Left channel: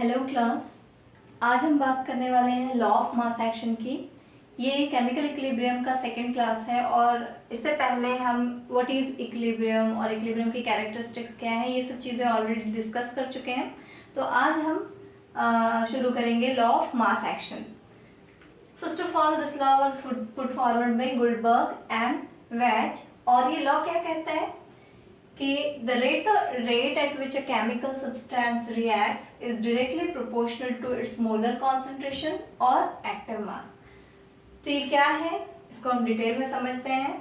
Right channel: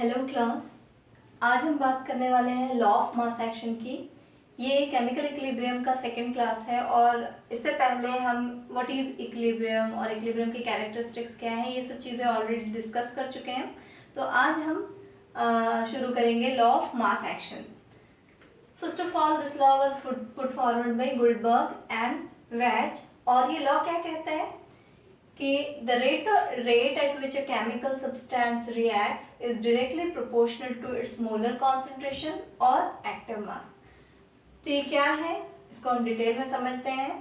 Hello class. आज हम बात करने वाले हैं लॉ ऑफ मास एक्शन की। ये केमिकल इक्विलिब्रियम का सेकंड क्लास है और इससे पहले हम व्हाट इज़ इक्विलिब्रियम और इक्विलिब्रियम की कैरेक्टरिस्टिक्स क्या है ये सब चीज़ें ऑलरेडी डिस्कस कर चुके हैं। तो आज हम शुरू करेंगे law of mass action. First of all this law was put forward by Guldberg and Waage. और ये लॉ क्या कहता है कि the rate at which a chemical substance reacts is directly proportional to its molar concentration or active mass। तो ये क्या है, इसको हम डिटेल में समझते हैं।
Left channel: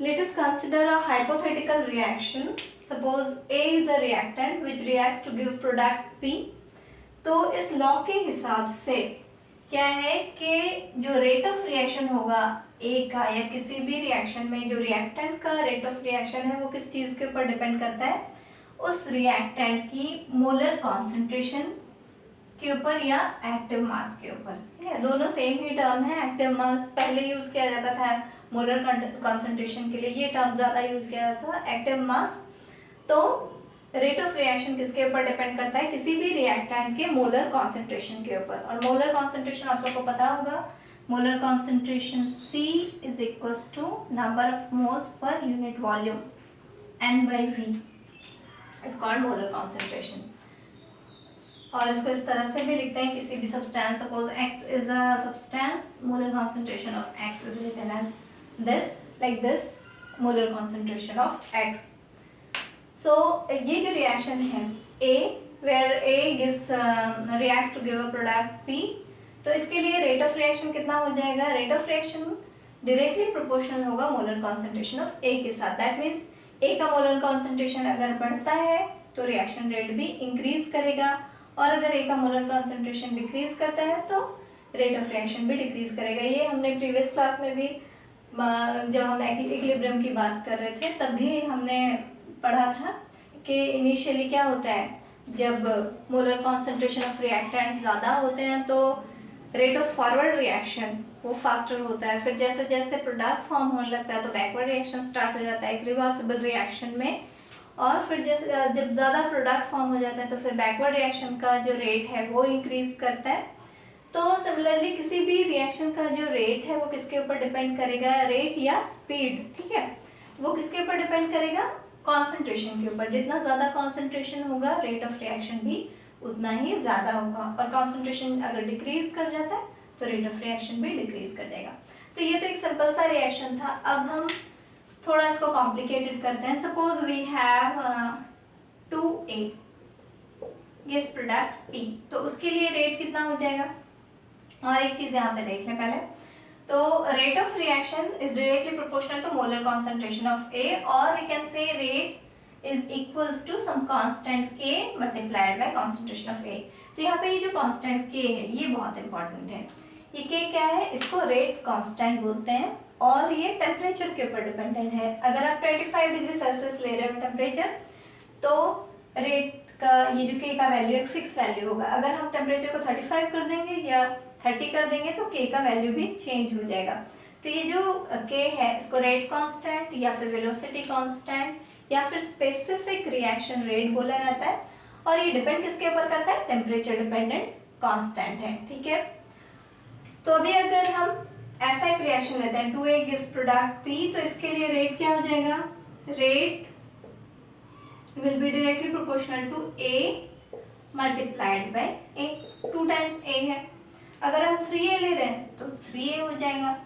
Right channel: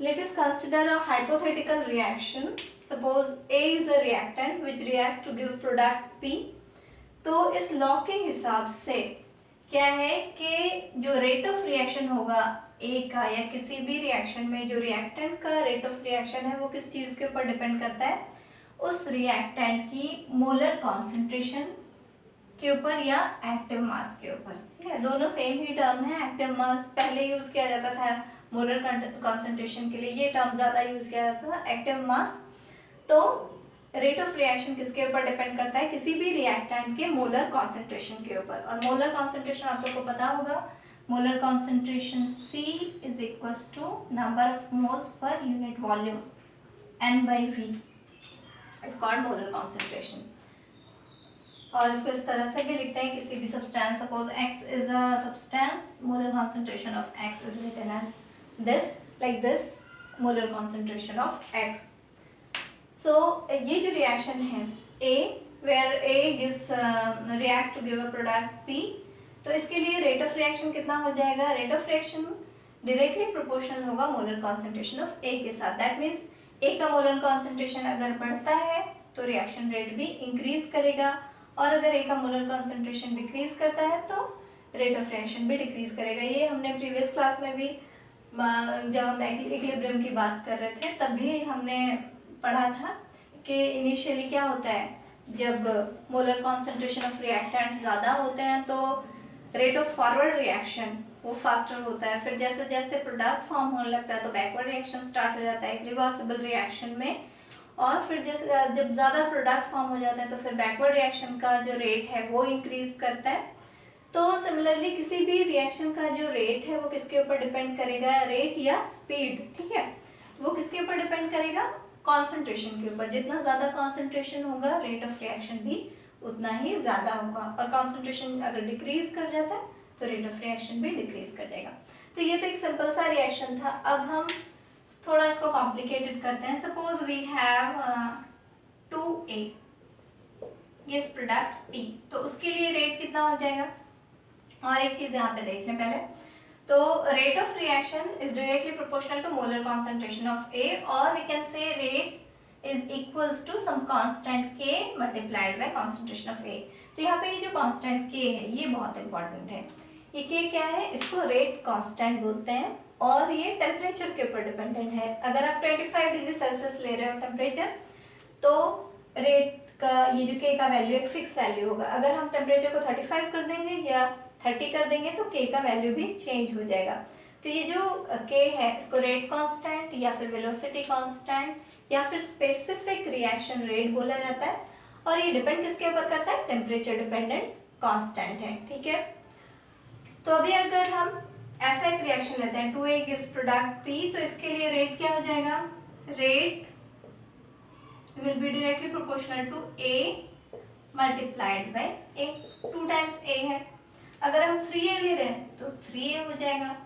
Let us consider a hypothetical reaction. Suppose A is a reactant which reacts to give product P। तो इस लॉ के हिसाब से क्या है कि जो रेट ऑफ रिएक्शन होगा ए का या किसी भी रिएक्शन में जो रिएक्टेंट का रेट ऑफ रिएक्शन है वो किस चीज़ के ऊपर डिपेंड करता है, उस रिएक्टेंट की मोलर कॉन्सेंट्रेशन के ऊपर या एक्टिव मास के ऊपर। ठीक है, दोनों सेम ही टर्म है। एक्टिव मास पहले यूज किया जाता था मोलर कॉन्सेंट्रेशन के लिए, ये टर्म ज़्यादा यूज किया जाता था एक्टिव मास। तो रेट ऑफ रिएक्शन किसके ऊपर डिपेंड करता है, किसी भी रिएक्टेंट के मोलर कॉन्सेंट्रेशन के ऊपर। और मोलर कॉन्सेंट्रेशन आप लोगों को पता होगा, molar concentration C is equals to number of moles per unit volume, N/V is called molar concentration. और इसको इस तरह से भी लिखते हैं, किसी भी substance, suppose X is a substance, molar concentration of X is written as this, like this, molar concentration of X। So ये जो रिएक्शन है A, where A gives reacts to give a product P, तो इसके लिए rate of reaction कितना हो जाएगा, rate of reaction directly proportional होगा मोलर कॉन्सेंट्रेशन ऑफ A के साथ। दैट मीन्स A का मोलर कॉन्सेंट्रेशन अगर बढ़ता है तो रिएक्शन रेट भी इंक्रीज करेगा, और अगर A का मोलर कॉन्सेंट्रेशन डिक्रीज करता है तो रेट ऑफ रिएक्शन भी डिक्रीज करेगा। ये हमने प्रीवियस क्लास में भी जब हम इक्विलिब्रियम की बात कर रहे थे तभी हमने पढ़ा था कि इनिशियली क्या होता है, जब मोलर कॉन्सेंट्रेशन ऑफ रिएक्टेंट्स ज़्यादा होते हैं तो रेट ऑफ फॉरवर्ड रिएक्शन वो फास्टर होता है। फिर जैसे जैसे प्रोडक्ट फॉर्म होने लगता है तो बैकवर्ड रिएक्शन स्टार्ट हो जाता है रिवर्सिबल रिएक्शन में। और फिर जैसे जब ज़्यादा प्रोडक्ट फॉर्म हो जाता है तो फिर बैकवर्ड रिएक्शन का जो रेट है वो इंक्रीज करता है। तो सिमिलरली किसी भी रिएक्शन का जो रेट है वो किसके ऊपर डिपेंड करेगा, रेट या स्पीड। ठीक है, वो किसके ऊपर डिपेंड करेगा, कॉन्सेंट्रेशन के ऊपर। जितना ज़्यादा कॉन्सेंट्रेशन होगा रेट ऑफ रिएक्शन भी उतना ही ज़्यादा होगा, और कॉन्सेंट्रेशन अगर डिक्रीज कर जाता है तो रेट ऑफ रिएक्शन भी डिक्रीज कर जाएगा। तो ये तो एक सिंपल सा रिएक्शन था। अब हम थोड़ा इसको कॉम्प्लिकेटेड करते हैं। Suppose we have 2A gives product P, तो उसके लिए रेट कितना हो जाएगा। और एक चीज़ यहाँ पे देख लें पहले, तो rate of reaction is directly proportional to molar concentration of A, और we can say rate is equals to some constant K multiplied by concentration of A। तो यहाँ पे ये जो कांस्टेंट K है ये बहुत इंपॉर्टेंट है। ये K क्या है, इसको रेट कांस्टेंट बोलते हैं और ये टेम्परेचर के ऊपर डिपेंडेंट है। अगर आप 25 डिग्री सेल्सियस ले रहे हो टेम्परेचर, तो रेट का ये जो K का वैल्यू एक फिक्स वैल्यू होगा। अगर हम टेम्परेचर को 35 कर देंगे या 30 कर देंगे तो K का वैल्यू भी चेंज हो जाएगा। तो ये जो K है इसको रेट कांस्टेंट या फिर वेलोसिटी कांस्टेंट या फिर स्पेसिफिक रिएक्शन रेट बोला जाता है, और ये डिपेंड किसके ऊपर करता है, टेम्परेचर डिपेंडेंट कांस्टेंट है। ठीक है, तो अभी अगर हम ऐसा एक रिएक्शन लेते हैं 2A गिव्स प्रोडक्ट P, तो इसके लिए रेट क्या हो जाएगा, rate will be directly proportional to A multiplied by A। 2 times A है, अगर हम 3A ले रहे हैं तो 3A हो जाएगा,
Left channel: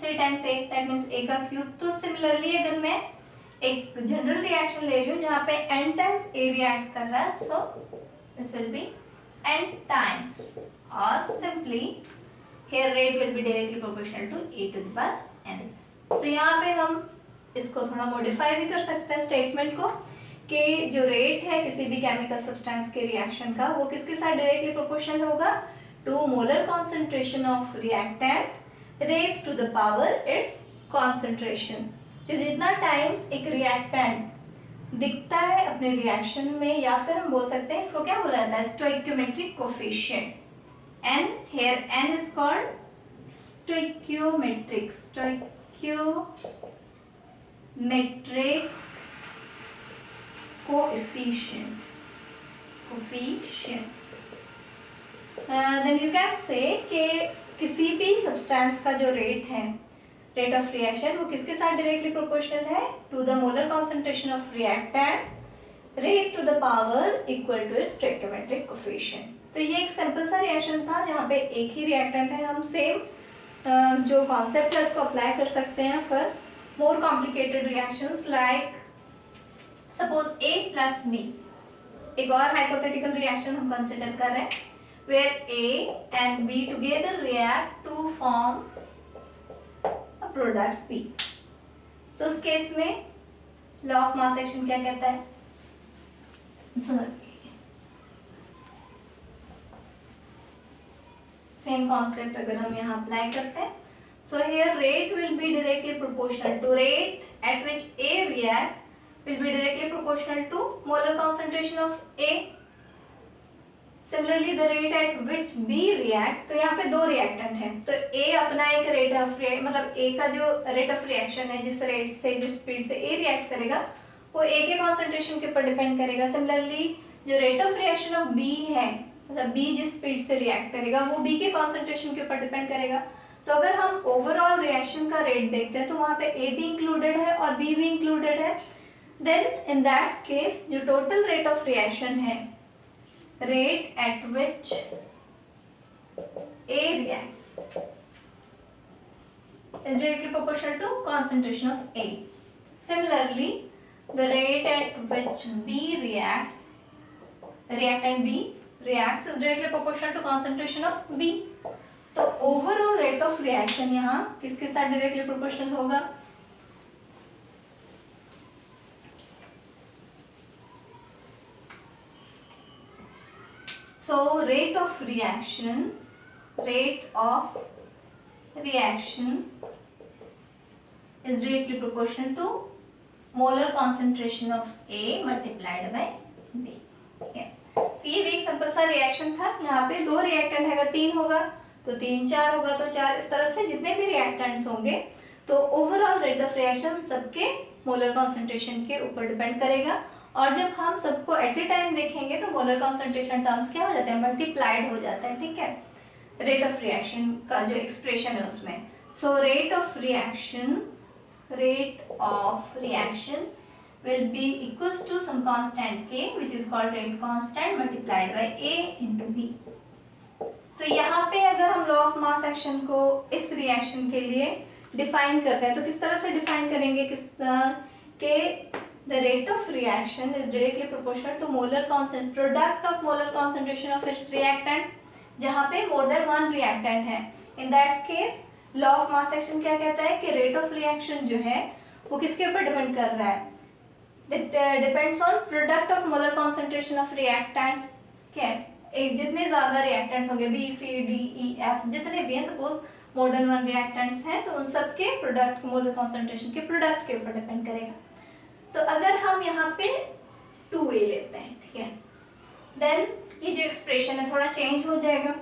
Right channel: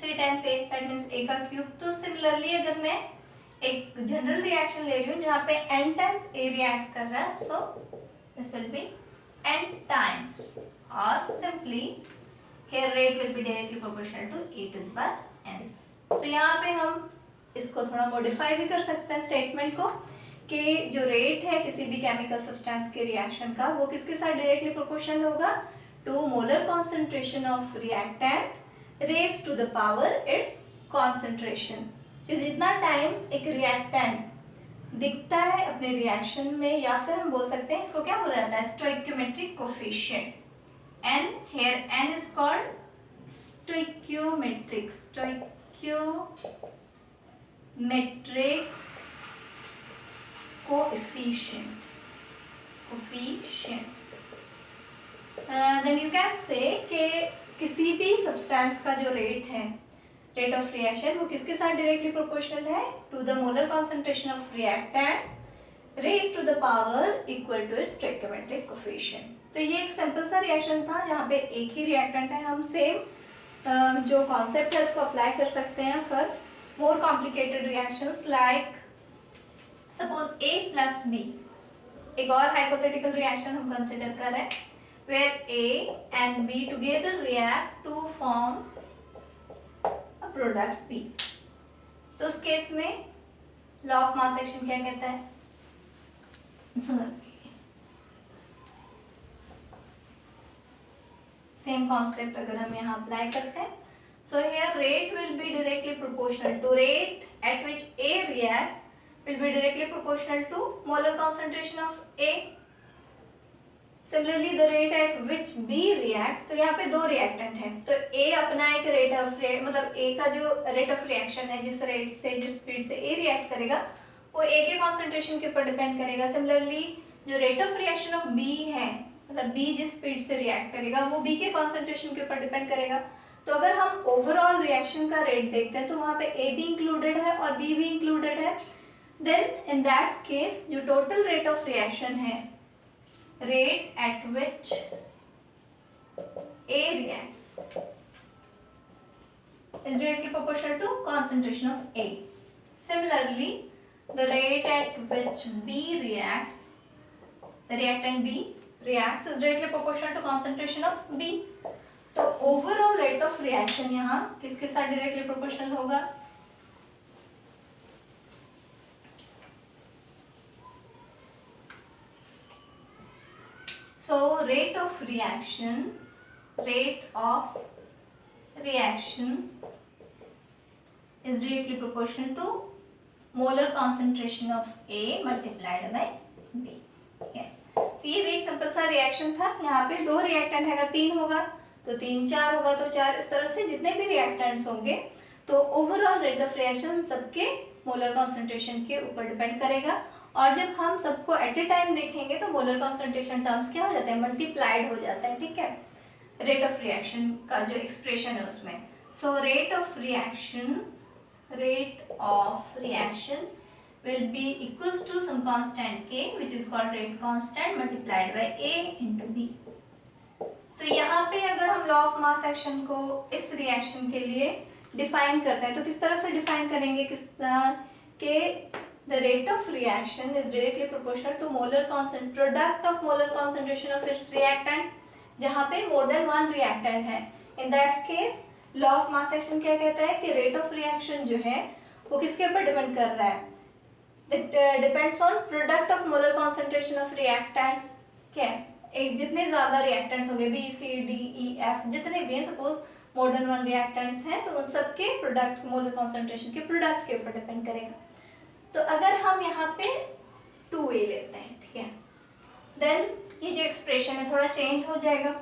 3 times A that means A का क्यूब। तो सिमिलरली अगर मैं एक जनरल रिएक्शन ले रही हूँ जहाँ पे n टाइम्स A रिएक्ट कर रहा है, so this will be n times, और simply here rate will be directly proportional to A to the power n। तो यहाँ पे हम इसको थोड़ा मॉडिफाई भी कर सकते हैं स्टेटमेंट को, कि जो रेट है किसी भी केमिकल सब्सटेंस के रिएक्शन का वो किसके साथ डायरेक्टली प्रोपोर्शनल होगा, to molar concentration of reactant raise to the power its concentration. जो जितना टाइम्स एक रिएक्टेंट दिखता है अपने रिएक्शन में, या फिर हम बोल सकते हैं इसको क्या बोला जाता है, stoichiometric coefficient n। here n is called stoichiometric coefficient coefficient. Then you can say कि किसी भी सब्सटेंस का जो रेट है, रेट ऑफ रिएक्शन, वो किसके साथ डायरेक्टली प्रोपोर्शनल है? To the molar concentration of reactant raise to the power equal to its stoichiometric coefficient. तो ये एक सिंपल सा रिएक्शन था जहाँ पे एक ही रिएक्टेंट है, हम सेम जो कॉन्सेप्ट है उसको अप्लाई कर सकते हैं for more complicated reactions like suppose A plus B। एक और हाइपोथेटिकल रिएक्शन हम कंसिडर कर रहे हैं where A and B together react to form a product B। तो उस केस में लॉ ऑफ मास एक्शन क्या कहता है? सुनो, सेम कॉन्सेप्ट अगर हम यहाँ अप्लाई करते हैं, so here rate will be directly proportional to rate at which A reacts will be directly proportional to molar concentration of A। Similarly the rate at which B react, तो यहाँ पे दो reactant हैं, तो A अपना एक rate of मतलब A का जो रेट ऑफ रिएक्शन है, जिस रेट से जिस स्पीड से A रिएक्ट करेगा वो A के कॉन्सेंट्रेशन के ऊपर डिपेंड करेगा। सिमिलरली जो rate of reaction of B है, मतलब B जिस स्पीड से रिएक्ट करेगा वो B के कॉन्सेंट्रेशन के ऊपर डिपेंड करेगा। तो अगर हम ओवरऑल रिएक्शन का रेट देखते हैं तो वहाँ पे A भी इंक्लूडेड है और B भी इंक्लूडेड है। देन इन दैट केस जो टोटल रेट ऑफ रिएक्शन है, rate at which A reacts is directly proportional to concentration of A. Similarly, the rate at which B reacts, the reactant B reacts is directly proportional to concentration of B. तो overall rate of reaction यहाँ किसके साथ directly proportional होगा? So rate of reaction is directly proportional to molar concentration of A multiplied by B। तो ये भी एक simple सा रिएक्शन था। यहाँ पे दो रिएक्टेंट है, अगर तीन होगा तो तीन, चार होगा तो चार, इस तरह से जितने भी रिएक्टेंट्स होंगे तो ओवरऑल रेट ऑफ रिएक्शन सबके मोलर कॉन्सेंट्रेशन के ऊपर डिपेंड करेगा। और जब हम सबको एट ए टाइम देखेंगे तो मोलर कॉन्सेंट्रेशन टर्म्स क्या हो जाते हैं? मल्टीप्लाइड हो जाता है, ठीक है, रेट ऑफ रिएक्शन का जो एक्सप्रेशन है उसमें। So rate of reaction will be equals to some constant K which is called rate constant multiplied by A into B। तो यहाँ पे अगर हम लॉ ऑफ मास एक्शन को इस रिएक्शन के लिए डिफाइन करते हैं तो किस तरह से डिफाइन करेंगे? के the rate of reaction is directly proportional to product of molar concentration of its reactant, जहाँ पे more than one reactant है। In that case law of mass action क्या कहता है कि rate of reaction जो है वो किसके ऊपर डिपेंड कर रहा है? It depends on product of molar concentration of reactants। क्या है? जितने ज़्यादा reactants होंगे B, C, D, E, F जितने भी हैं, suppose more than one reactants हैं, तो उन सब के प्रोडक्ट मोलर कॉन्सेंट्रेशन के प्रोडक्ट के ऊपर डिपेंड करेगा। तो अगर हम यहाँ पे 2A लेते हैं, ठीक है, देन ये जो एक्सप्रेशन है थोड़ा चेंज हो जाएगा।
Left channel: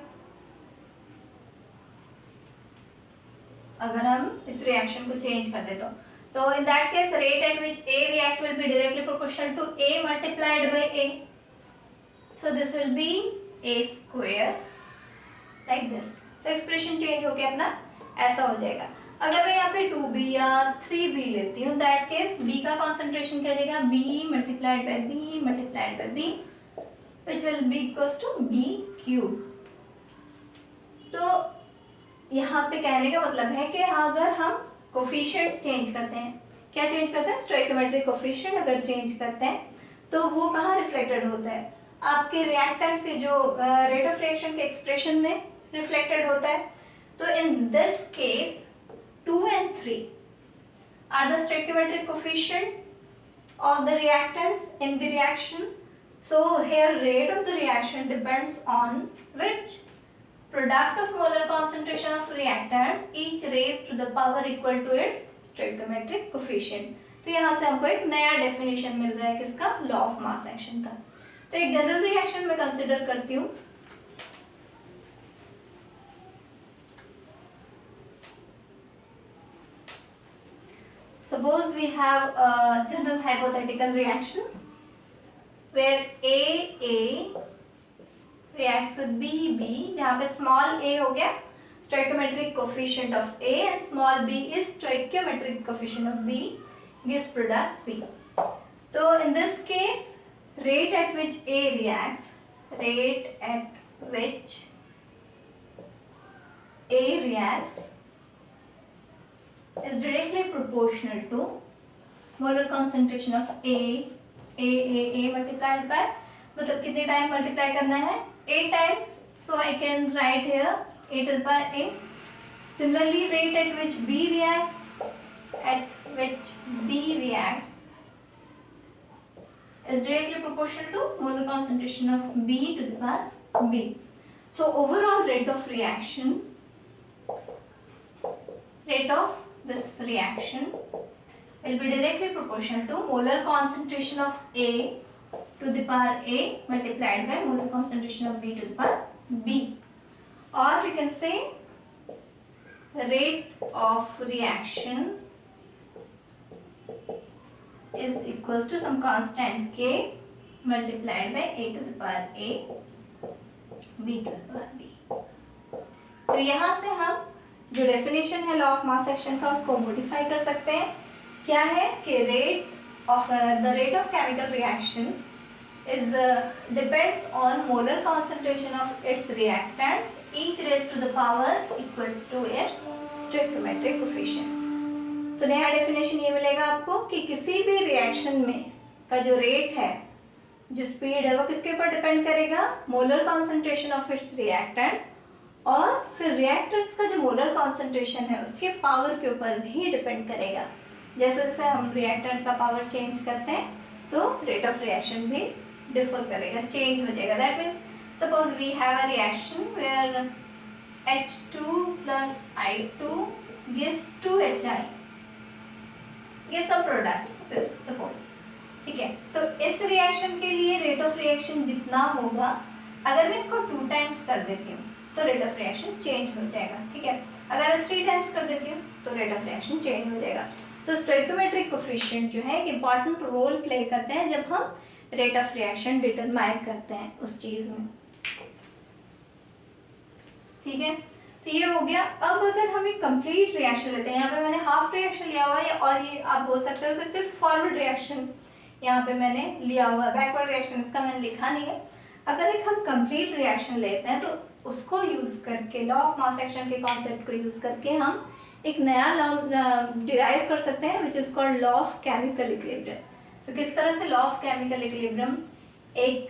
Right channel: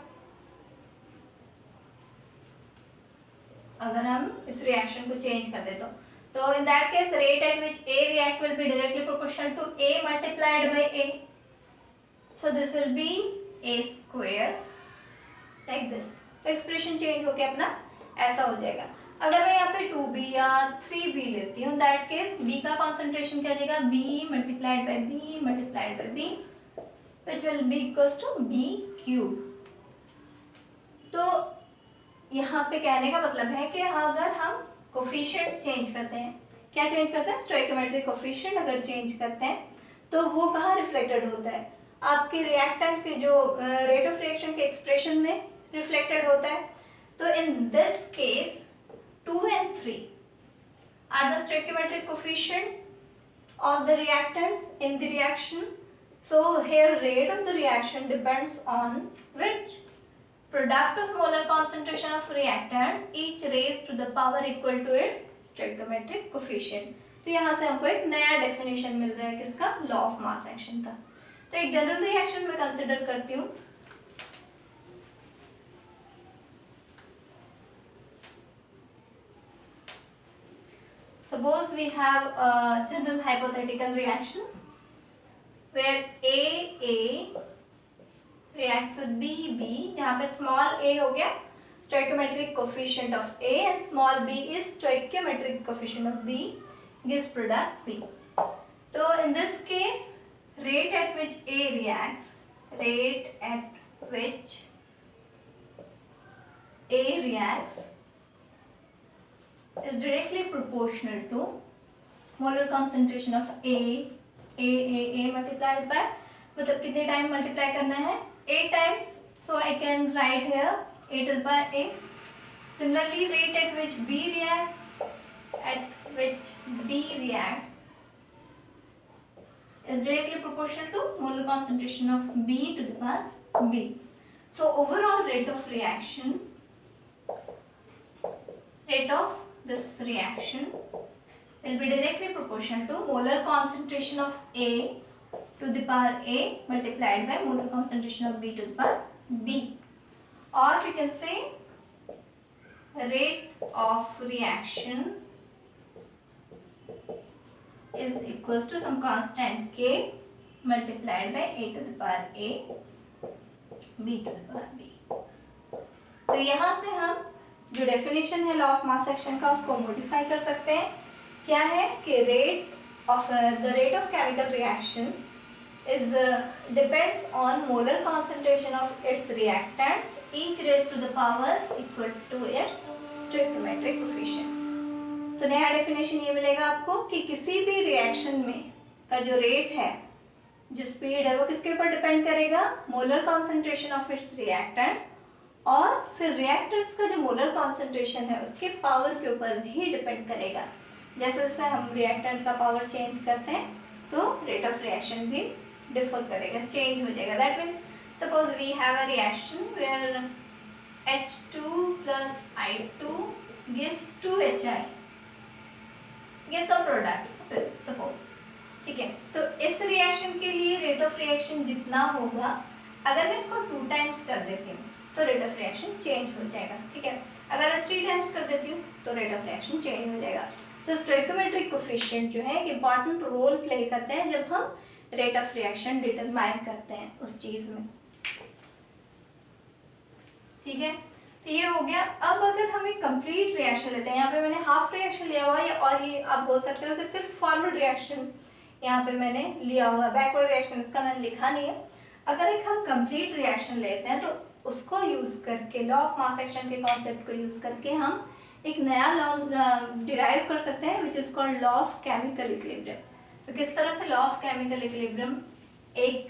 अगर हम इस रिएक्शन को चेंज कर दे तो in that case rate at which A react will be directly proportional to A multiplied by A। So this will be A square like this। तो एक्सप्रेशन चेंज होके अपना ऐसा हो जाएगा। अगर मैं यहाँ पे 2B या 3B लेती हूँ, दैट केस B का कॉन्सेंट्रेशन क्या जाएगा? B multiplied by B multiplied by B which will be equals to B cube। तो यहाँ पे कहने का मतलब है कि अगर हम कोफिशिएंट्स चेंज करते हैं, क्या चेंज करते हैं? स्टोइकियोमेट्रिक कोफिशिएंट अगर चेंज करते हैं तो वो कहाँ रिफ्लेक्टेड होता है? आपके रिएक्टेंट के जो रेट ऑफ रिएक्शन के एक्सप्रेशन में रिफ्लेक्टेड होता है। तो in this case 2 and 3 are the stoichiometric coefficient of the reactants in the reaction। So here rate of the reaction depends on which product of molar concentration of reactants each raised to the power equal to its stoichiometric coefficient। तो यहाँ से हमको एक नया definition मिल रहा है किसका? Law of mass action का। तो एक जनरल रिएक्शन में कंसिडर करती हूँ। Suppose we have a general hypothetical reaction where A reacts with B, जहाँ पे small a हो गया stoichiometric coefficient of A and small b is stoichiometric coefficient of B, gives product B. So in this case, rate at which A reacts is directly proportional to molar concentration of A multiplied by, मतलब कितने time multiply करना है, A times, so I can write here A to the power A. Similarly, rate at which B reacts is directly proportional to molar concentration of B to the power B. So overall rate of this reaction will be directly proportional to molar concentration of A to the power A multiplied by molar concentration of B to the power B. Or we can say rate of reaction is equals to some constant K multiplied by A to the power A, B to the power B. तो यहाँ से हम जो definition है law of mass action का उसको modify कर सकते हैं. क्या है कि rate of chemical reaction is depends on molar concentration of its reactants, each raised to the power equal to its stoichiometric coefficient. तो नया डेफिनेशन ये मिलेगा आपको कि किसी भी रिएक्शन में का जो रेट है, जो स्पीड है, वो किसके ऊपर डिपेंड करेगा, molar concentration of its reactants, और फिर रिएक्टर्स का जो मोलर कॉन्सेंट्रेशन है उसके पावर के ऊपर भी डिपेंड करेगा. जैसे जैसे हम रिएक्टेंट्स का पावर चेंज करते हैं तो रेट ऑफ रिएक्शन भी डिफर करेगा, चेंज हो जाएगा. That means suppose we have a reaction where H2 plus I2 gives 2HI, gives some products suppose. ठीक है, तो इस रिएक्शन के लिए रेट ऑफ रिएक्शन जितना होगा, अगर मैं इसको 2 टाइम्स कर देती हूँ तो रेट ऑफ रिएक्शन चेंज हो जाएगा. ठीक है, अगर मैं 3 टाइम्स कर देती हूँ तो रेट ऑफ रिएक्शन चेंज हो जाएगा. तो स्टोइकोमेट्रिक कोफिशिएंट जो है एक इंपॉर्टेंट रोल प्ले करते हैं जब हम रेट ऑफ रिएक्शन डिटरमाइन करते हैं उस चीज में. ठीक है, तो ये हो गया. अब अगर हम एक कंप्लीट रिएक्शन लेते हैं, यहाँ पे मैंने हाफ रिएक्शन लिया हुआ है, और ये आप बोल सकते हो कि सिर्फ फॉरवर्ड रिएक्शन यहाँ पे मैंने लिया हुआ है, बैकवर्ड रिएक्शन इसका मैंने लिखा नहीं है. अगर एक हम कंप्लीट रिएक्शन लेते हैं तो उसको यूज करके, लॉ ऑफ मास एक्शन के कॉन्सेप्ट को यूज करके हम एक नया लॉ डिराइव कर सकते हैं which is called law of chemical equilibrium. तो किस तरह से लॉ ऑफ केमिकल इक्विलिब्रियम एक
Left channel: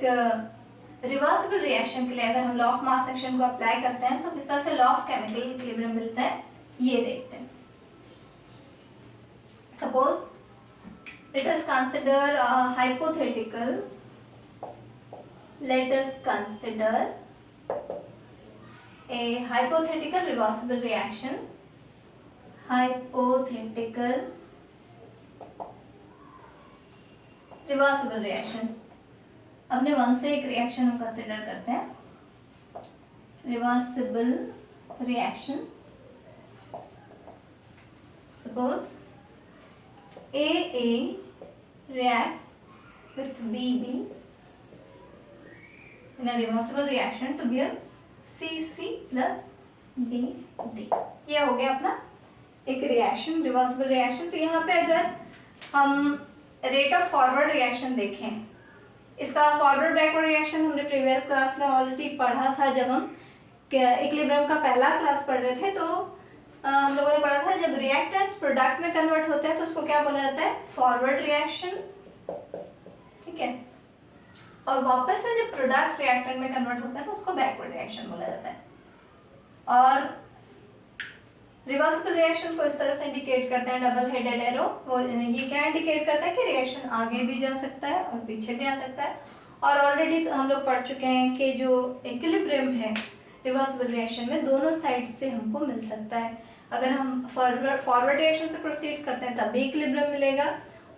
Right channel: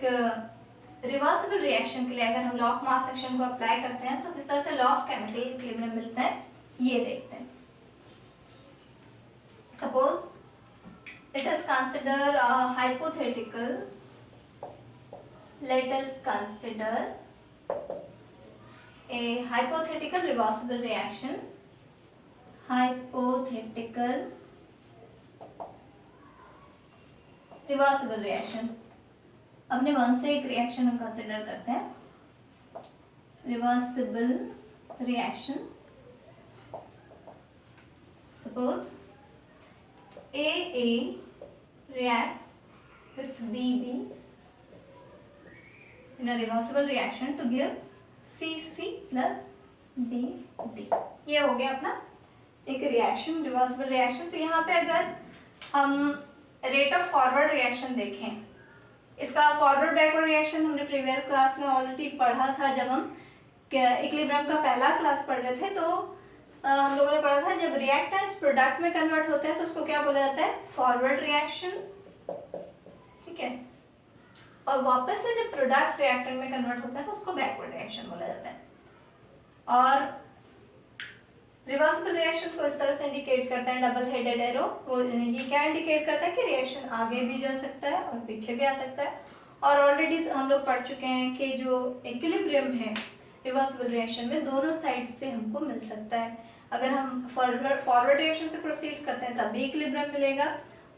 रिवर्सिबल रिएक्शन के लिए अगर हम लॉ ऑफ मास एक्शन को अप्लाई करते हैं तो किस तरह से लॉ ऑफ केमिकल इक्विलिब्रियम मिलता है, ये देखते हैं. Suppose let us consider hypothetical, let us consider a hypothetical reversible reaction. Hypothetical reversible reaction. अपने मन से एक रिएक्शन हम कंसिडर करते हैं, reversible reaction. Suppose AA reacts with BB in a reversible reaction to give CC plus DD. ये हो गया अपना एक रिएक्शन, रिवर्सिबल रिएक्शन. तो यहाँ पे अगर हम रेट ऑफ फॉरवर्ड रिएक्शन देखें, इसका फॉरवर्ड बैकवर्ड रिएक्शन हमने प्रीवियस क्लास में ऑलरेडी पढ़ा था. जब हम इक्विलिब्रियम का पहला क्लास पढ़ रहे थे तो हम लोगों ने पढ़ा था जब रिएक्टेंट्स प्रोडक्ट में कन्वर्ट होता है तो उसको क्या बोला जाता है, फॉरवर्ड रिएक्शन. ठीक है, और वापस से जब प्रोडक्ट रिएक्टेंट में कन्वर्ट होता है तो उसको बैकवर्ड रिएक्शन बोला जाता है. और रिवर्सिबल रिएक्शन को इस तरह से इंडिकेट करते हैं डबल हेडेड एरो. वो ये क्या इंडिकेट करता है कि रिएक्शन आगे भी जा सकता है और पीछे भी आ सकता है. और ऑलरेडी हम लोग पढ़ चुके हैं कि जो इक्विलिब्रियम है रिवर्सिबल रिएक्शन में दोनों साइड से हमको मिल सकता है. अगर हम फॉरवर्ड रिएक्शन से प्रोसीड करते हैं तब भी इक्विलिब्रियम मिलेगा,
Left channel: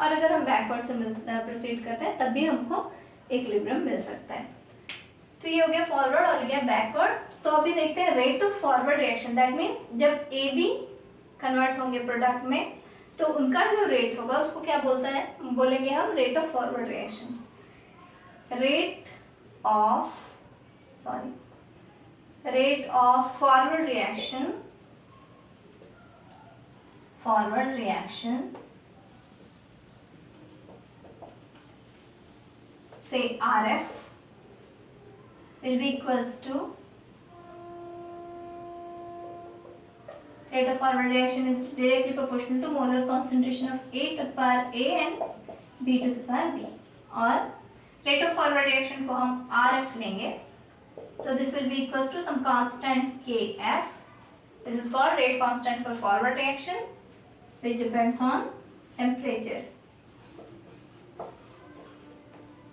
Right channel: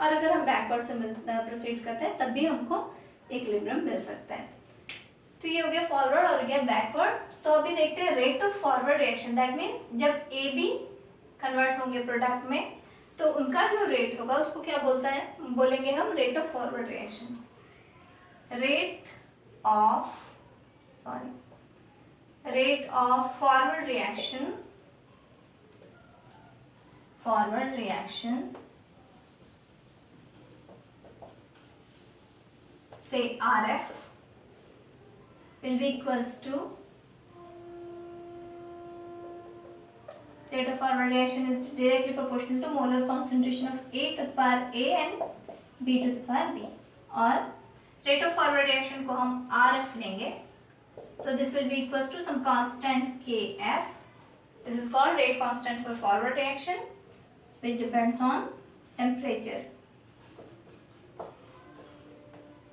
और अगर हम बैकवर्ड से प्रोसीड करते हैं तब भी हमको इक्विलिब्रियम मिल सकता है. तो ये हो गया फॉरवर्ड और गया बैकवर्ड. तो अभी देखते हैं rate of forward reaction. That means जब ए बी कन्वर्ट होंगे प्रोडक्ट में तो उनका जो रेट होगा उसको क्या बोलते हैं, बोलेंगे हम rate of forward reaction. rate of forward reaction say RF will be equals to rate of forward reaction is directly proportional to molar concentration of A to the power A and B to the power B, और rate of forward reaction को हम RF लेंगे, so this will be equals to some constant Kf. This is called rate constant for forward reaction, which depends on temperature.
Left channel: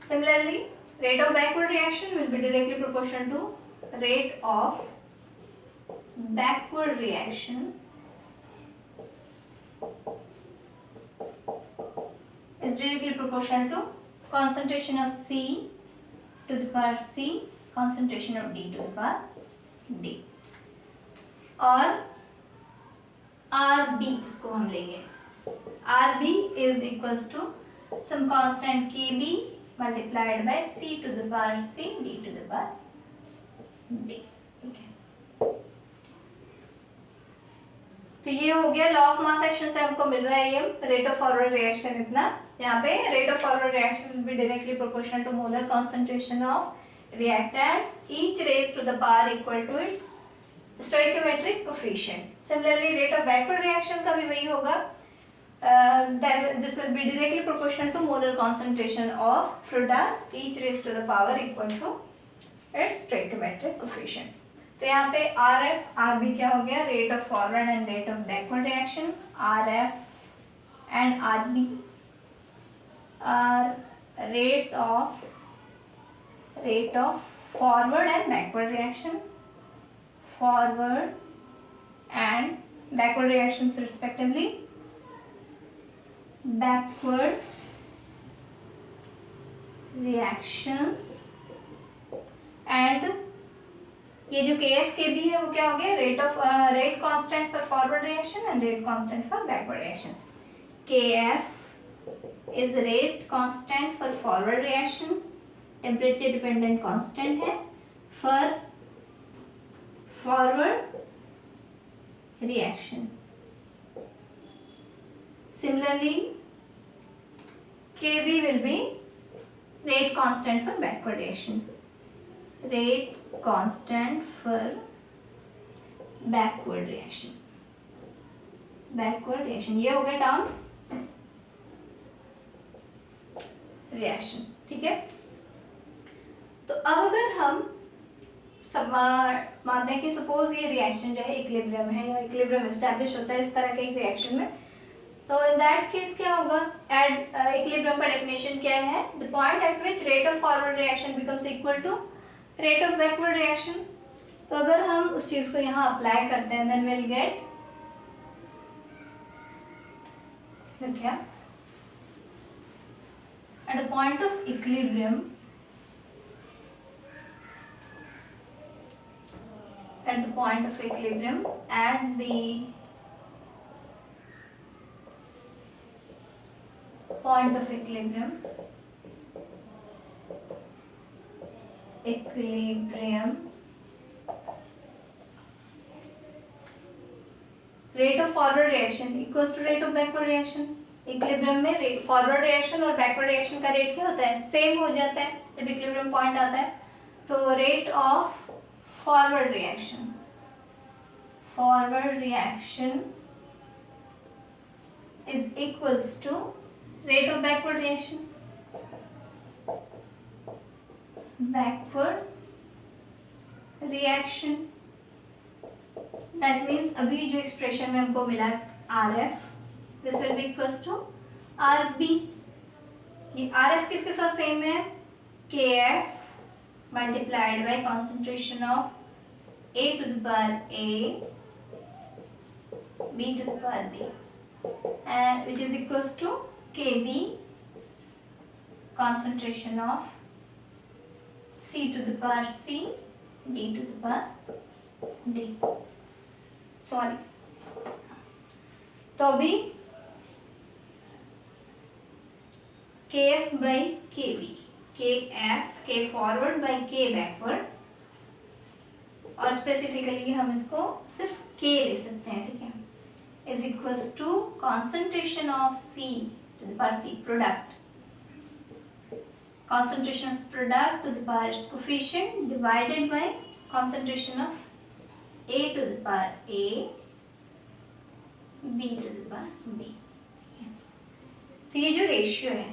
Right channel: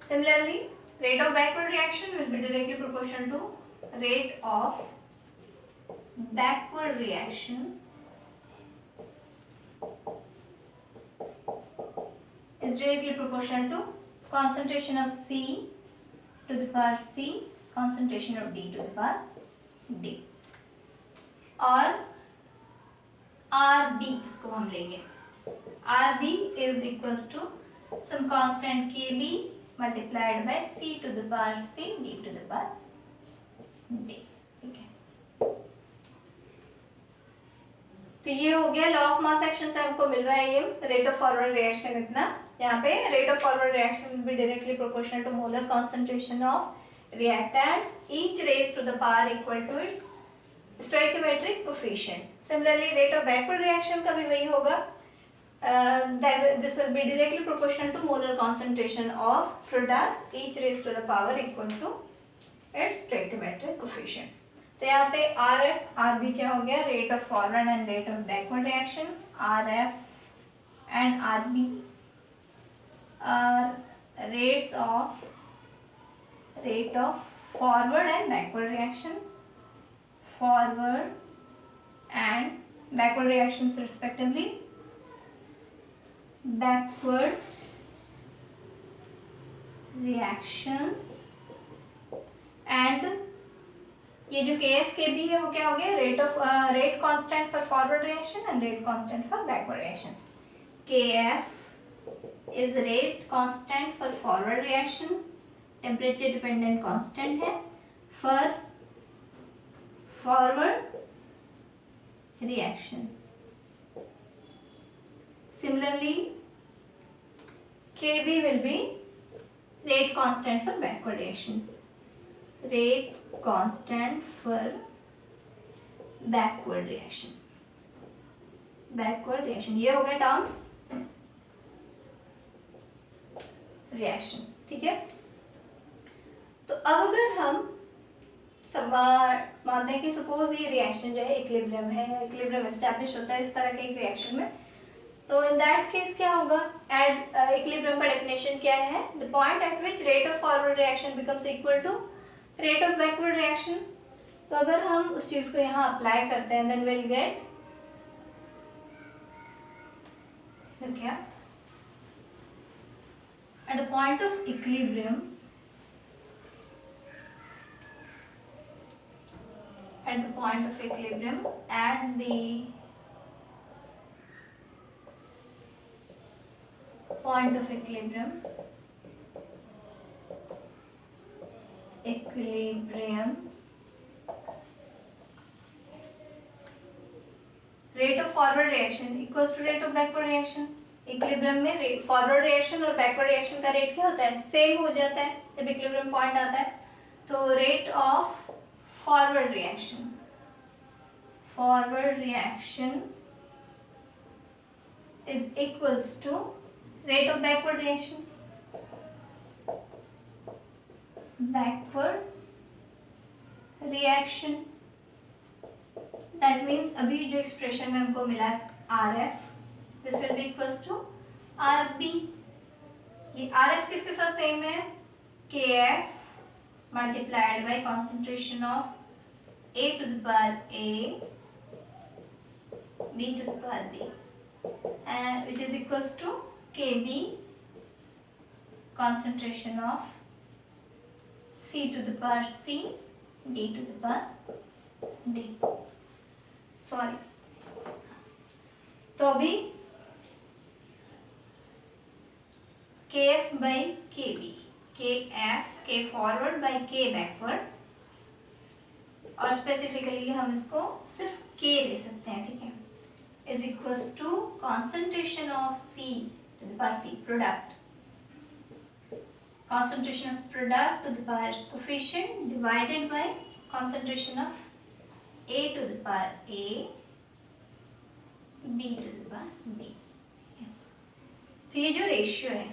Similarly, rate of backward reaction will be directly proportional to rate of backward reaction is directly proportional to concentration of C to the power C, concentration of D to the power D, और RB इसको हम लेंगे. RB is equals to some constant KB multiplied by C to the power C, D to the power D. ठीक है, तो ये हो गया लॉ ऑफ मास एक्शन से हमको मिल रहा है ये रेट ऑफ फॉरवर्ड रिएक्शन. इतना यहाँ पे rate of forward reaction will be directly proportional to molar concentration of reactants each raise to the power equal to its stoichiometric coefficient. Similarly rate of backward reaction का भी वही होगा, this will be directly proportional to molar concentration of products each raise to the power equal to its stoichiometric coefficient. तो यहाँ पे R F R B क्या हो गया, rate of forward and rate of backward reaction. R F and R B R rate of forward and backward reaction, forward and backward reactions respectively. Backward reactions and ये जो KF KB है वो क्या हो गया, rate constant for forward reaction and rate constant for backward reaction. KF is rate constant for forward reaction, temperature dependent constant है. For forward reaction, similarly KB will be rate constant for backward reaction, rate constant for backward reaction. ये हो गए terms reaction. ठीक है, तो अब अगर हम मानते हैं कि सपोज ये रिएक्शन जो है इक्विलिब्रियम है या इक्विलिब्रियम एस्टैब्लिश होता है इस तरह के एक रिएक्शन में, तो इन दैट केस क्या होगा, एट इक्विलिब्रियम का डेफिनेशन क्या है, the point at which rate of forward reaction becomes equal to rate of backward reaction. तो अगर हम उस चीज को यहाँ अप्लाई करते हैं देन विल गेट क्या, at the point of equilibrium, at the point of equilibrium, at the point of equilibrium rate of forward reaction equals to rate of backward reaction. Equilibrium में फॉरवर्ड रिएक्शन और backward reaction का rate क्या होता है, same हो जाता है जब इक्विलिब्रियम पॉइंट आता है. तो rate of forward reaction is equals to rate of backward reaction. That means अभी जो एक्सप्रेशन में हमको मिला R F, this will be equals to R B. ये आर एफ किसके साथ सेम है, K F multiplied by concentration of A to the power A, B to the power B, and which is equals to KB concentration of C to the power C, D to the power D. Sorry. तो अभी KF by KB के forward by K backward, और specifically हम इसको सिर्फ K ले सकते हैं, ठीक है, is equals to concentration of C to the power C product, concentration of product to the power its coefficient divided by concentration of A to the power A, B to the power B। तो ये जो ratio है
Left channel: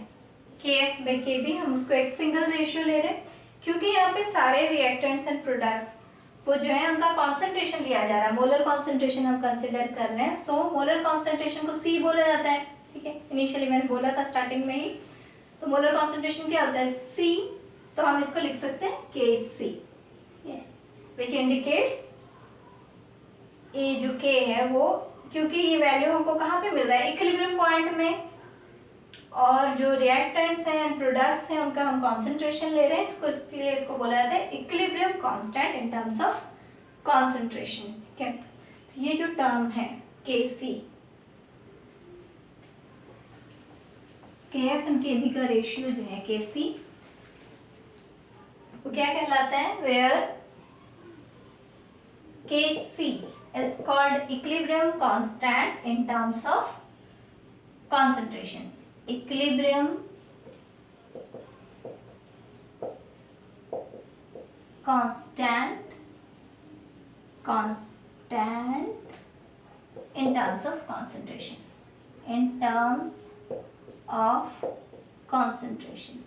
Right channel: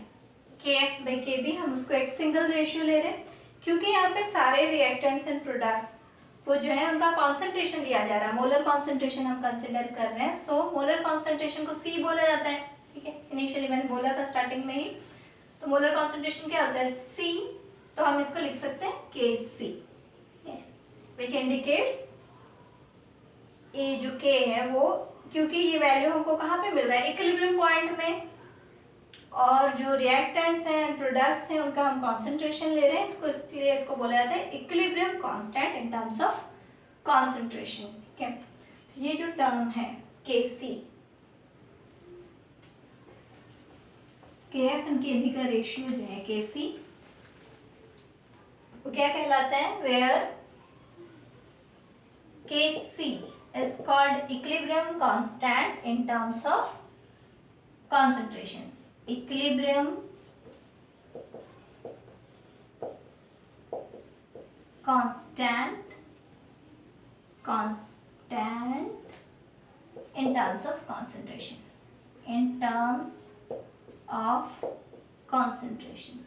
KF by KB, हम उसको एक single ratio ले रहे हैं क्योंकि यहाँ पे सारे रिएक्टेंट्स एंड प्रोडक्ट्स वो जो है उनका कॉन्सेंट्रेशन दिया जा रहा है, मोलर कॉन्सेंट्रेशन हम कंसिडर कर रहे हैं। सो मोलर कॉन्सेंट्रेशन को C बोला जाता है, ठीक है, इनिशियली मैंने बोला था स्टार्टिंग में ही। तो मोलर कॉन्सेंट्रेशन क्या होता है C, तो हम इसको लिख सकते हैं Kc, विच इंडिकेट्स ये जो K है वो, क्योंकि ये वैल्यू हमको कहाँ पे मिल रहा है, इक्विलिब्रियम पॉइंट में, और जो रिएक्टेंट्स हैं प्रोडक्ट्स हैं उनका हम कॉन्सेंट्रेशन ले रहे हैं, इसको इसलिए इसको बोला जाता है equilibrium constant in terms of concentration, ठीक है। तो ये जो टर्म है Kc, KF एंड KB का रेशियो जो है Kc, वो क्या कहलाता है, where Kc is called equilibrium constant in terms of concentration, equilibrium constant in terms of concentration, in terms of concentration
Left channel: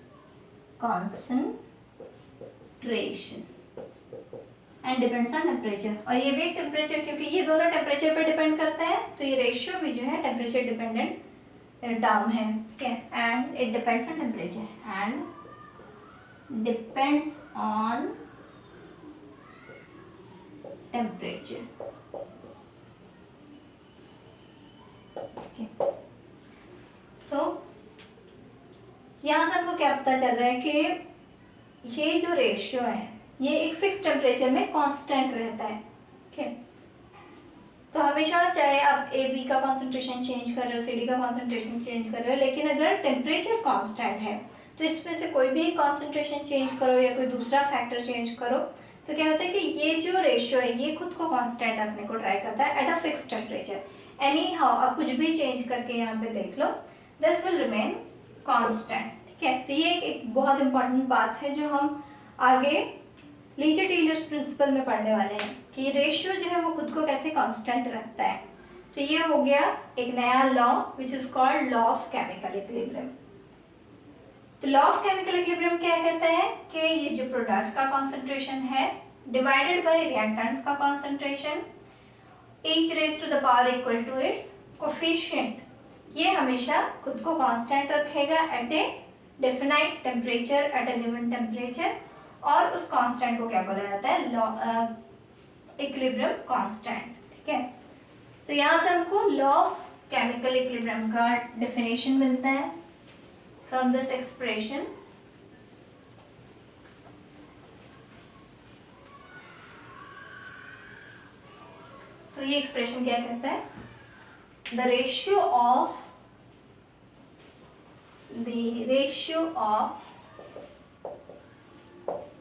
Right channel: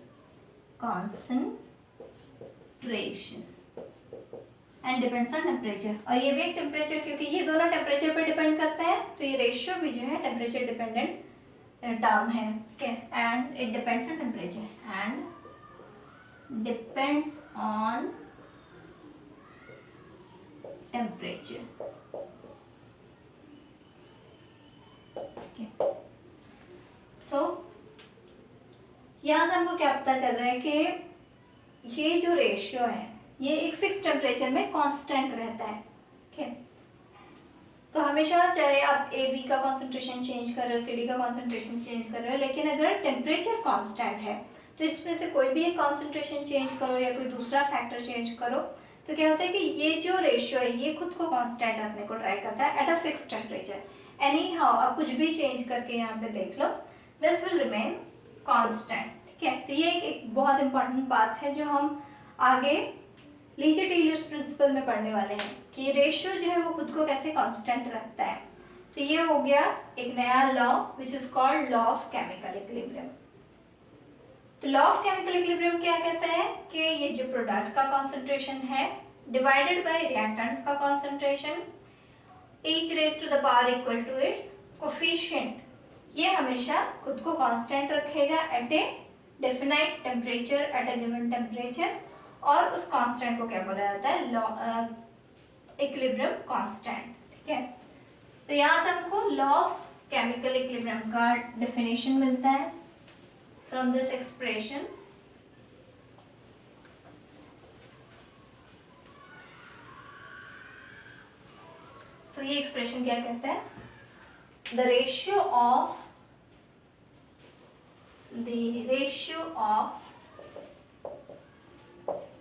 and depends on temperature, और ये भी एक टेम्परेचर, क्योंकि ये दोनों टेम्परेचर पे डिपेंड करते हैं, तो ये रेशियो भी जो है टेम्परेचर डिपेंडेंट टर्म है, ठीक है, and it depends on temperature and depends on temperature, so यहाँ से हमको क्या पता चल रहा है कि ये जो रेशियो है ये एक फिक्स टेम्परेचर में कांस्टेंट रहता है, ठीक है। तो हमेशा चाहे आप AB का कॉन्सेंट्रेशन चेंज कर रहे हो, CD का कॉन्सेंट्रेशन चेंज कर रहे हो, लेकिन अगर टेम्परेचर कांस्टेंट है तो इसमें से कोई भी एक कॉन्सेंट्रेशन चेंज करो या कोई दूसरा फैक्टर चेंज करो तो क्या होता है कि ये जो रेशियो है ये खुद को कांस्टेंट रखने को ट्राई करता है at a fix temperature. Any how आप कुछ भी चेंज करके यहाँ पे देख लो, दिस विल रिमेन कांस्टेंट, ठीक है। तो ये एक बहुत इंपॉर्टेंट बात है जो हम आगे लीचे टेलर्स प्रिंसिपल में पढ़ने वाले हैं कि रेशियो जो है वो खुद को कैसे कांस्टेंट रखता है। तो ये हो गया एक नया law which is called law of chemical equilibrium. तो लॉ ऑफ केमिकल इक्विलिब्रियम क्या कहता है कि ये जो प्रोडक्ट का कॉन्सेंट्रेशन है डिवाइडेड बाय रिएक्टेंट्स का concentration each raise to the power equal to its coefficient, ये हमेशा खुद को कांस्टेंट रखेगा at a definite temperature, at a given temperature, और उस कांस्टेंट को क्या बोला जाता है, इक्विलिब्रियम कांस्टेंट, ठीक है। तो यहाँ से हमको लॉ ऑफ केमिकल इक्विलिब्रियम का डेफिनेशन मिलता है फ्रॉम दिस एक्सप्रेशन। तो ये एक्सप्रेशन क्या कहता है, the ratio of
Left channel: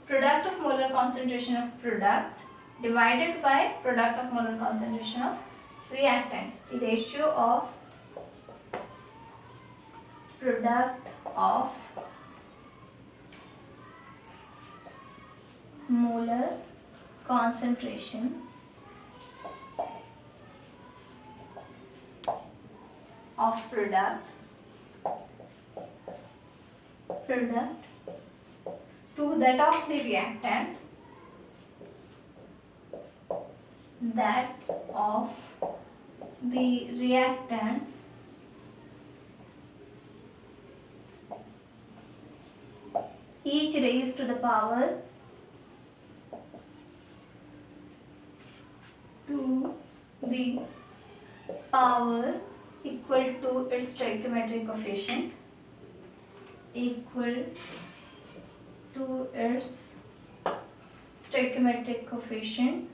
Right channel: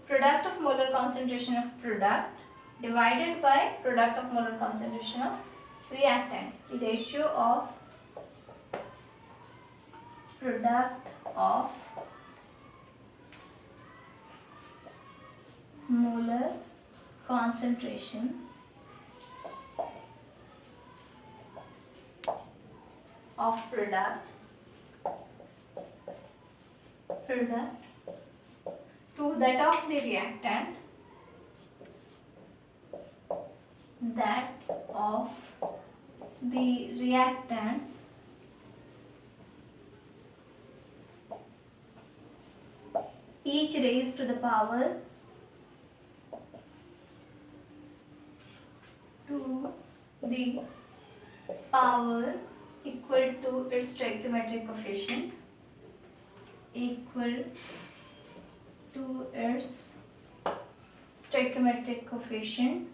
product of molar concentration of product divided by product of molar concentration of reactant, the ratio of product of molar concentration of product to that of the reactant, each raised to the power equal to its stoichiometric coefficient, equal to its stoichiometric coefficient,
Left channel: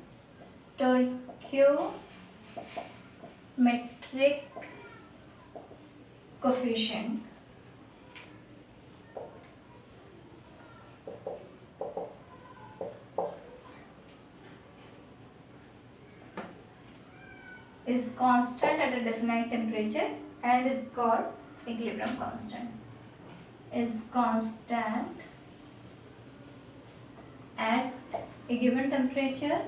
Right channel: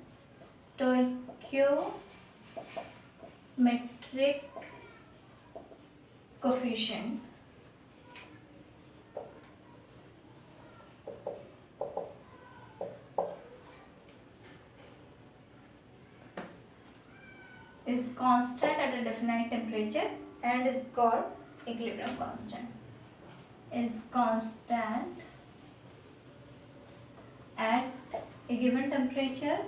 is constant at a definite temperature and is called equilibrium constant. Is constant at a given temperature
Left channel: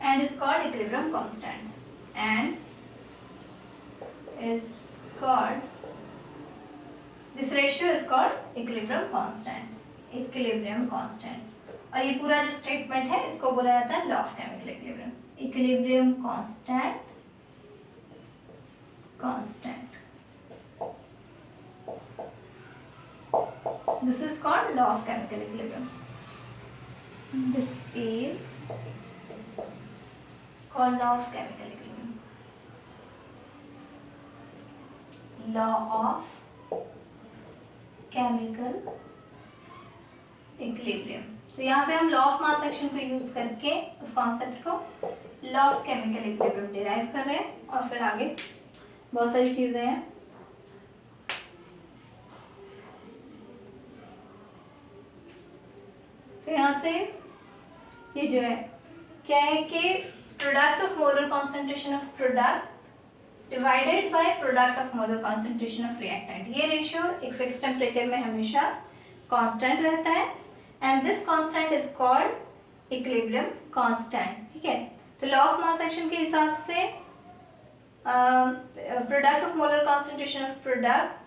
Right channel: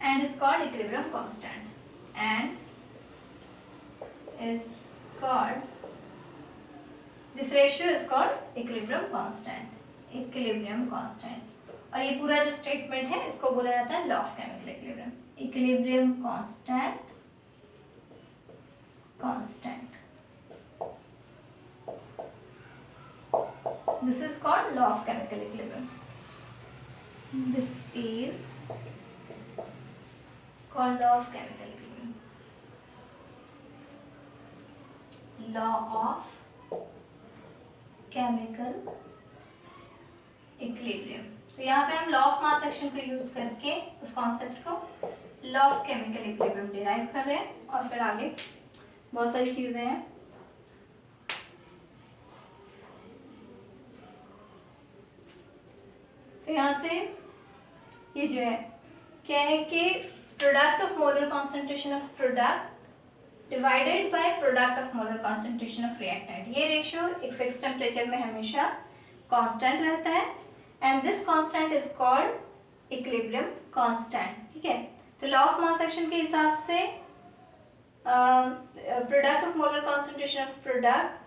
and is called equilibrium constant and is called, this ratio is called equilibrium constant. और ये पूरा जो statement है इसको बोला जाता है law of chemical equilibrium. Equilibrium constant this is called law of chemical equilibrium. This is called law of chemical equilibrium. Law of chemical equilibrium. तो यहाँ पे हम लॉ ऑफ मास एक्शन को यूज करके उस कॉन्सेप्ट को law of chemical equilibrium derive कर रहे हैं और फिर आगे बहुत सारी चीजें हैं. तो यहाँ से ये जो है क्या है कि product of molar concentration of product divided by product of molar concentration of reactant, ये रेशियो एक फिक्स टेम्परेचर में हमेशा कांस्टेंट रहता है and this constant is called equilibrium constant. ठीक है, तो लॉ ऑफ मास एक्शन के हिसाब से product of molar concentration of product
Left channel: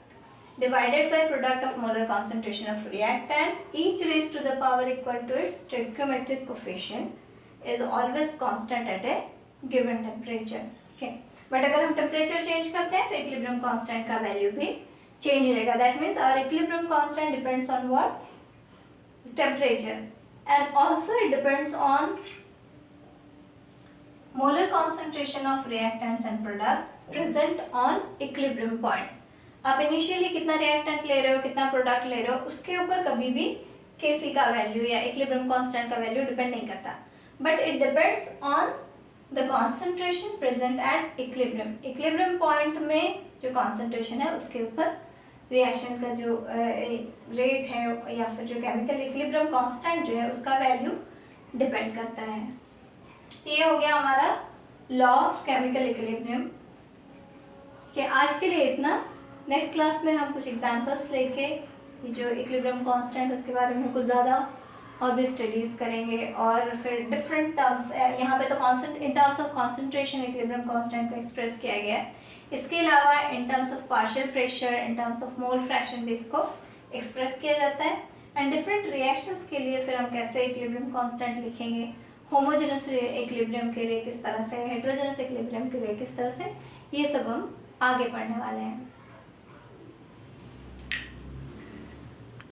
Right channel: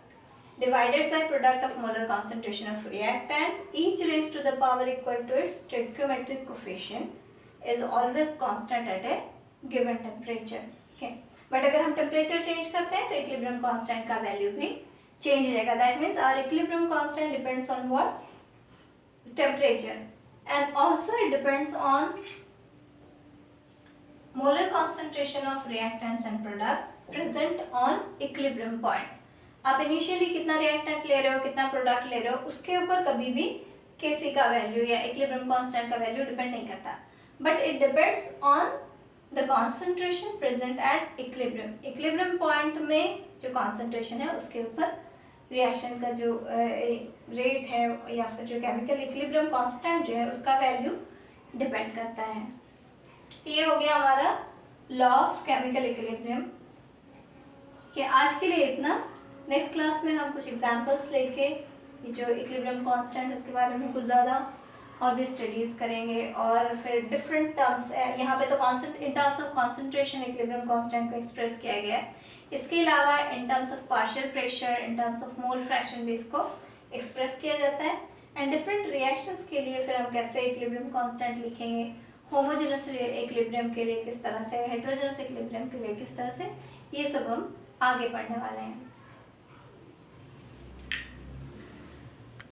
divided by product of molar concentration of reactant, each raised to the power equal to its stoichiometric coefficient is always constant at a given temperature. Okay, but अगर हम temperature change करते हैं तो equilibrium constant का value भी change हो जाएगा. That means our equilibrium constant depends on what? Temperature, and also it depends on molar concentration of reactants and products present on equilibrium point. आप इनिशियली कितना reactant ले रहे हो, कितना प्रोडक्ट ले रहे हो, उसके ऊपर कभी भी Kc का वैल्यू या इक्विलिब्रियम कांस्टेंट का वैल्यू डिपेंड नहीं करता, but it depends on the concentration present at equilibrium. Equilibrium point में जो कॉन्सेंट्रेशन है उसके ऊपर रिएक्शन का जो रेट है या फिर जो केमिकल इक्विलिब्रियम कांस्टेंट जो है उसका वैल्यू डिपेंड करता है. तो ये हो गया हमारा लॉ ऑफ केमिकल इक्विलिब्रियम. कि आज के लिए इतना. नेक्स्ट क्लास में हम कुछ एग्जांपल्स लेके जो इक्विलिब्रियम कांस्टेंट उसके बारे में कुछ ज़्यादा और भी स्टडीज़ करेंगे और फिर डिफरेंट टर्म्स यहाँ पे तो consent in terms of concentration equilibrium constant को एक्सप्रेस किया गया है. इसके अलावा in terms of partial pressure, in terms of mole fraction भी इसको एक्सप्रेस किया जाता है. एंड डिफरेंट रिएक्शंस के लिए फिर हम कैसे इक्विलिब्रियम कांस्टेंट लिखेंगे, होमोजेनस इक्विलिब्रियम के लिए किस तरह से, हेटेरोजेनस इक्विलिब्रियम के लिए किस तरह से, ये सब हम आगे पढ़ने वाले हैं.